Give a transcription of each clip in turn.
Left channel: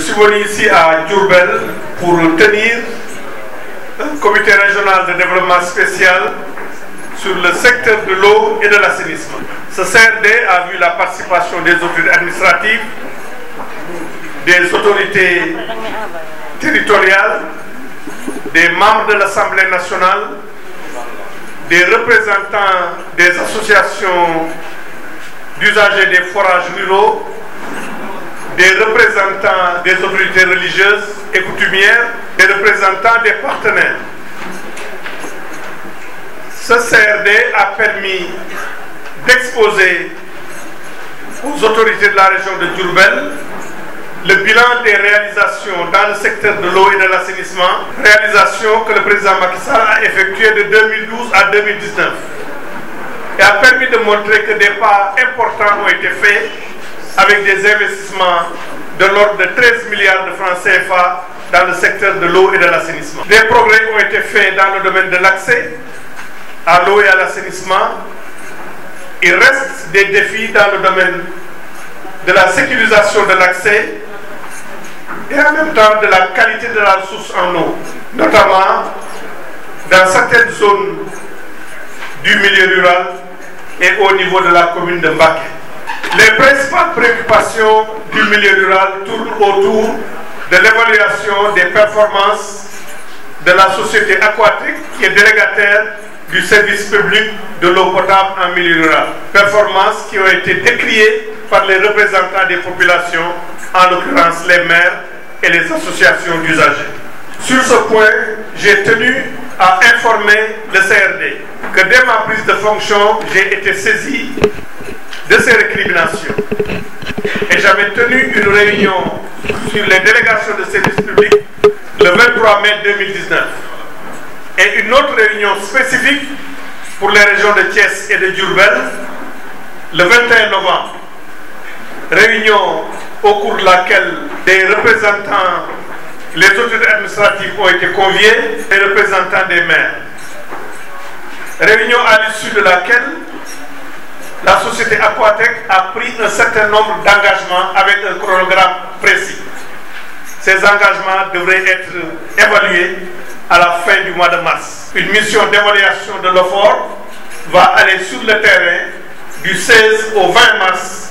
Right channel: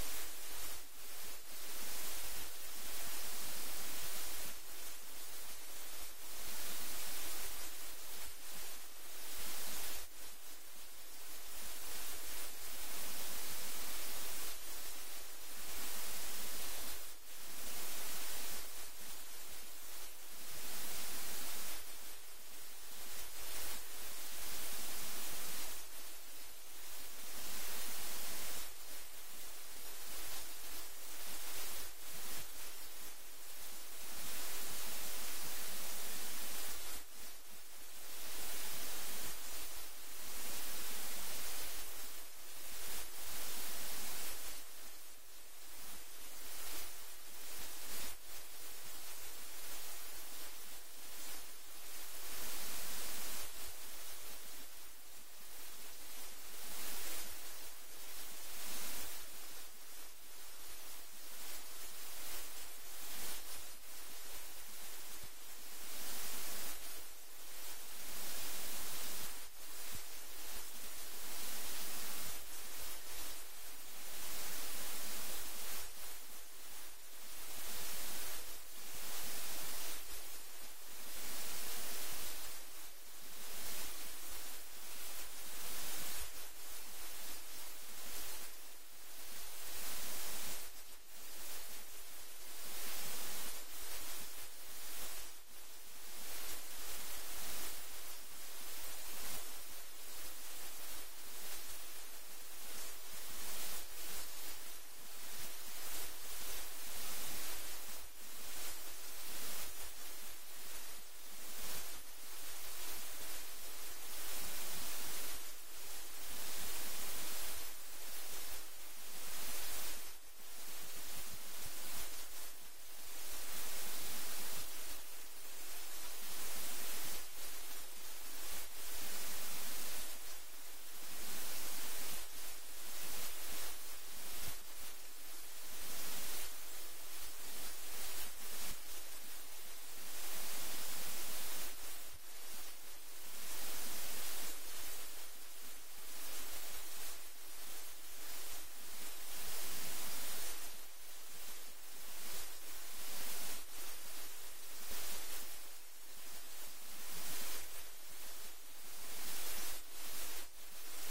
suis venu ici à Diourbel pour tenir un comité régional de développement spécial sur le secteur de l'eau et de l'assainissement. Ce CRD a vu la participation des autorités administratives, des autorités territoriales, des membres de l'Assemblée nationale, des représentants des associations d'usagers des forages ruraux, des représentants des autorités religieuses et coutumières, des représentants des partenaires. Ce CRD a permis d'exposer aux autorités de la région de Diourbel le bilan des réalisations dans le secteur de l'eau et de l'assainissement, réalisations que le président Macky Sall a effectuées de 2012 à 2019, et a permis de montrer que des pas importants ont été faits avec des investissements de l'ordre de 13 milliards de francs CFA dans le secteur de l'eau et de l'assainissement. Des progrès ont été faits dans le domaine de l'accès à l'eau et à l'assainissement. Il reste des défis dans le domaine de la sécurisation de l'accès et en même temps de la qualité de la ressource en eau, notamment dans certaines zones du milieu rural et au niveau de la commune de Mbacké. Les principales préoccupations du milieu rural tournent autour de l'évaluation des performances de la société aquatique qui est délégataire du service public de l'eau potable en milieu rural. Performances qui ont été décriées par les représentants des populations, en l'occurrence les maires et les associations d'usagers. Sur ce point, j'ai tenu à informer le CRD que dès ma prise de fonction, j'ai été saisi de ces récriminations. Et j'avais tenu une réunion sur les délégations de services publics le 23 mai 2019. Et une autre réunion spécifique pour les régions de Thiès et de Diourbel le 21 novembre. Réunion au cours de laquelle des représentants, les autorités administratives ont été conviés, les représentants des maires. Réunion à l'issue de laquelle la société Aquatec a pris un certain nombre d'engagements avec un chronogramme précis. Ces engagements devraient être évalués à la fin du mois de mars. Une mission d'évaluation de l'OFOR va aller sur le terrain du 16 au 20 mars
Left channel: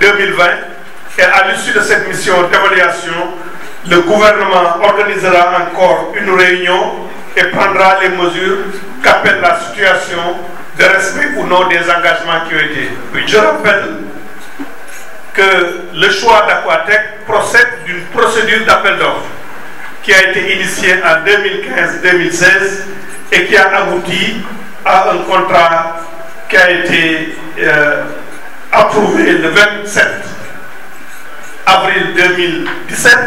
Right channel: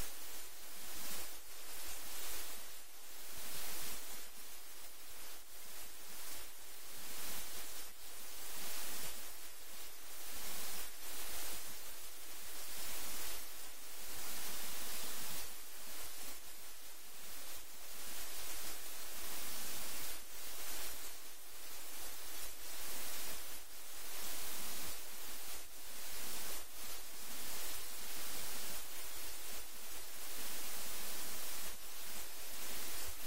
2020 et à l'issue de cette mission d'évaluation, le gouvernement organisera encore une réunion et prendra les mesures qu'appelle la situation de respect ou non des engagements qui ont été pris. Je rappelle que le choix d'Aquatec procède d'une procédure d'appel d'offres qui a été initiée en 2015-2016 et qui a abouti à un contrat qui a été approuvé le 27 avril 2017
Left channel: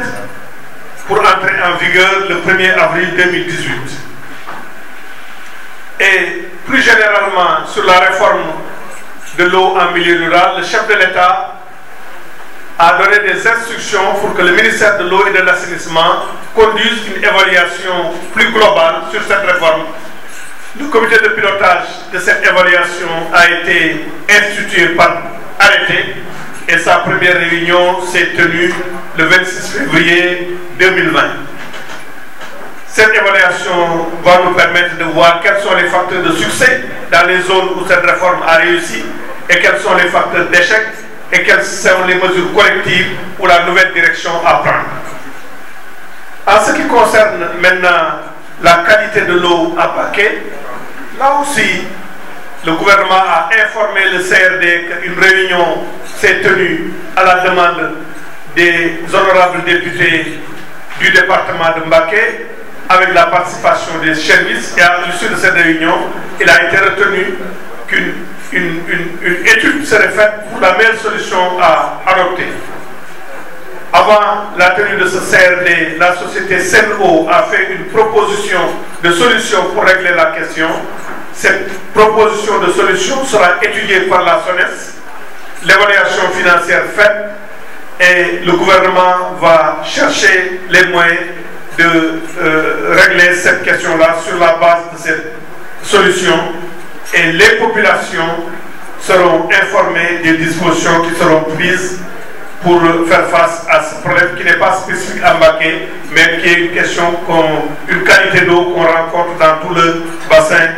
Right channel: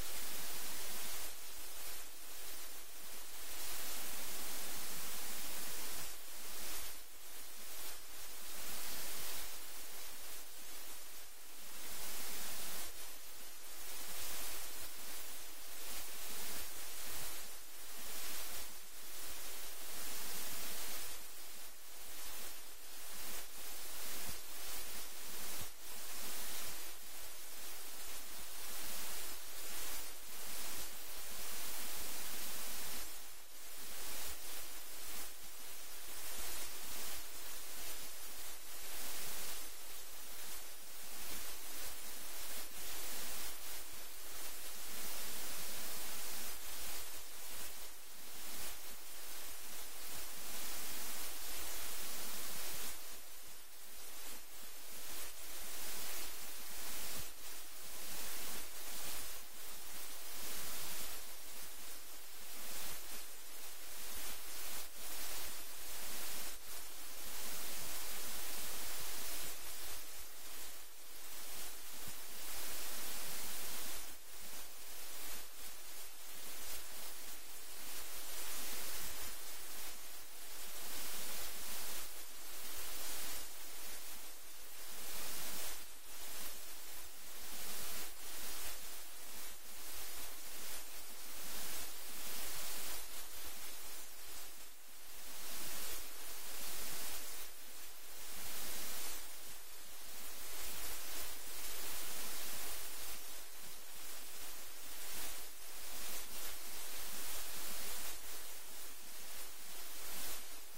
pour entrer en vigueur le 1er avril 2018. Et plus généralement sur la réforme de l'eau en milieu rural, le chef de l'État a donné des instructions pour que le ministère de l'eau et de l'assainissement conduise une évaluation plus globale sur cette réforme. Le comité de pilotage de cette évaluation a été institué par arrêté et sa première réunion s'est tenue le 26 février 2020. Cette évaluation va nous permettre de voir quels sont les facteurs de succès dans les zones où cette réforme a réussi et quels sont les facteurs d'échec et quelles sont les mesures collectives pour la nouvelle direction à prendre. En ce qui concerne maintenant la qualité de l'eau à Mbacké, là aussi, le gouvernement a informé le CRD qu'une réunion s'est tenue à la demande des honorables députés du département de Mbacké avec la participation des services, et à l'issue de cette réunion, il a été retenu qu'une étude serait faite pour la meilleure solution à adopter. Avant la tenue de ce CRD, la société Sen'Eau a fait une proposition de solution pour régler la question. Cette proposition de solution sera étudiée par la SONES, l'évaluation financière faite, et le gouvernement va chercher les moyens de régler cette question-là sur la base de cette solution, et les populations seront informées des dispositions qui seront prises pour faire face à ce problème qui n'est pas spécifique à Mbacké, mais qui est une question, une qualité d'eau qu'on rencontre dans tout le bassin